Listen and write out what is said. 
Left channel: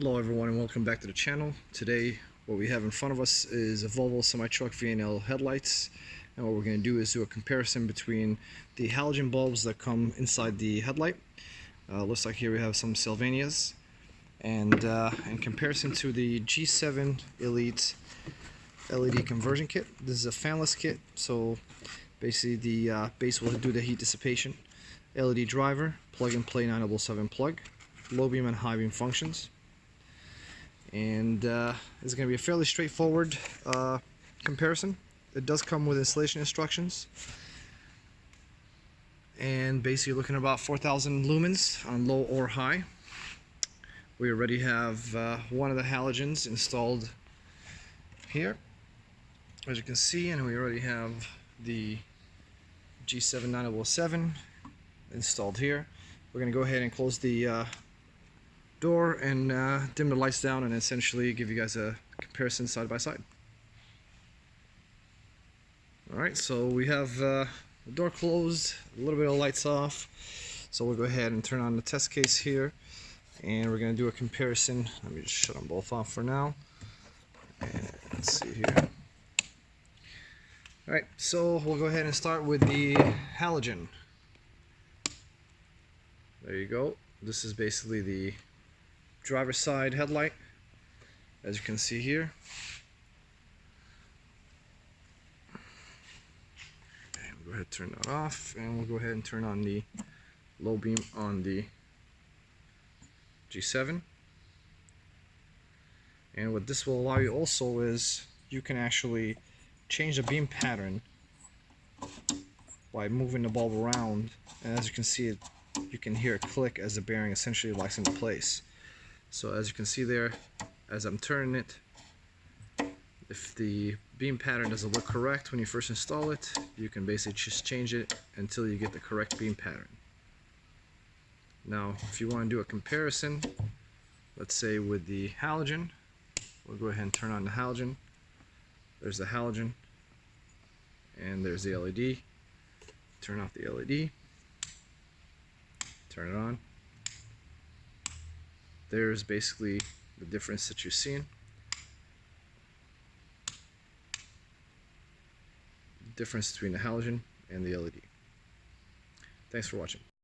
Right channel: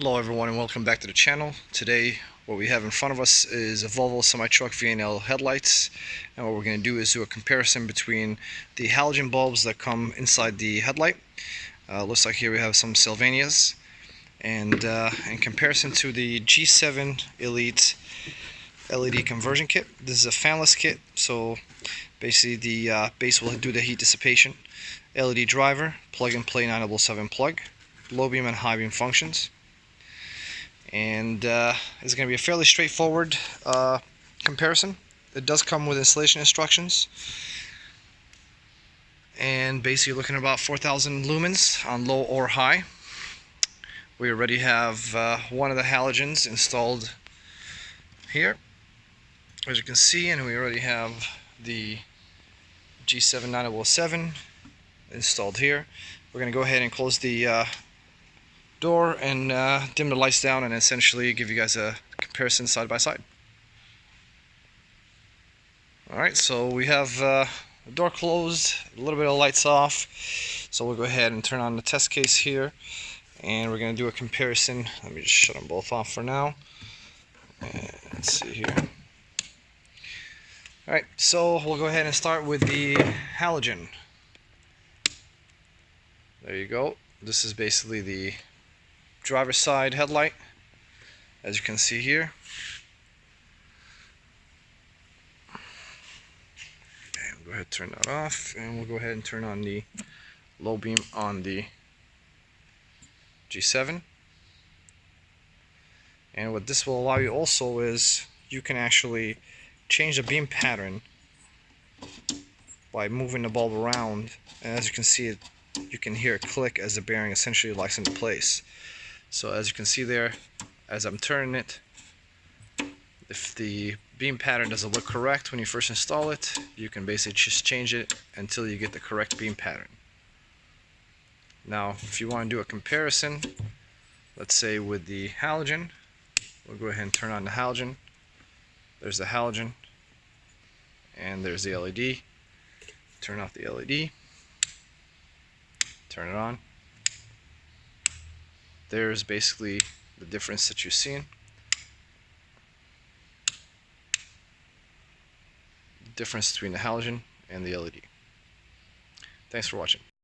Hello everyone and welcome back to the channel. Today what we have in front of us is a Volvo semi-truck VNL headlights, and what we're going to do is do a comparison between the halogen bulbs that come inside the headlight. Looks like here we have some Sylvanias, and in comparison to the G7 Elite LED conversion kit. This is a fanless kit, so basically the base will do the heat dissipation. LED driver, plug and play 977 plug, low beam and high beam functions. And it's going to be a fairly straightforward comparison. It does come with installation instructions, and basically looking at about 4,000 lumens on low or high. We already have one of the halogens installed here, as you can see, and we already have the G7 9007 installed here. We're going to go ahead and close the door and dim the lights down and essentially give you guys a comparison side by side. Alright, so we have the door closed, a little bit of lights off, so we'll go ahead and turn on the test case here and we're going to do a comparison. Let me just shut them both off for now, and let's see here. Alright, so we'll go ahead and start with the halogen. There you go. This is basically the driver's side headlight, as you can see here. And we'll go ahead and turn that off, and we'll go ahead and turn on the low beam on the G7. And what this will allow you also is you can actually change the beam pattern by moving the bulb around, and as you can see, you can hear it click as the bearing essentially locks into place. So as you can see there, as I'm turning it, if the beam pattern doesn't look correct when you first install it, you can basically just change it until you get the correct beam pattern. Now, if you want to do a comparison, let's say with the halogen, we'll go ahead and turn on the halogen. There's the halogen, and there's the LED. Turn off the LED, turn it on. There's basically the difference that you're seeing. The difference between the halogen and the LED. Thanks for watching.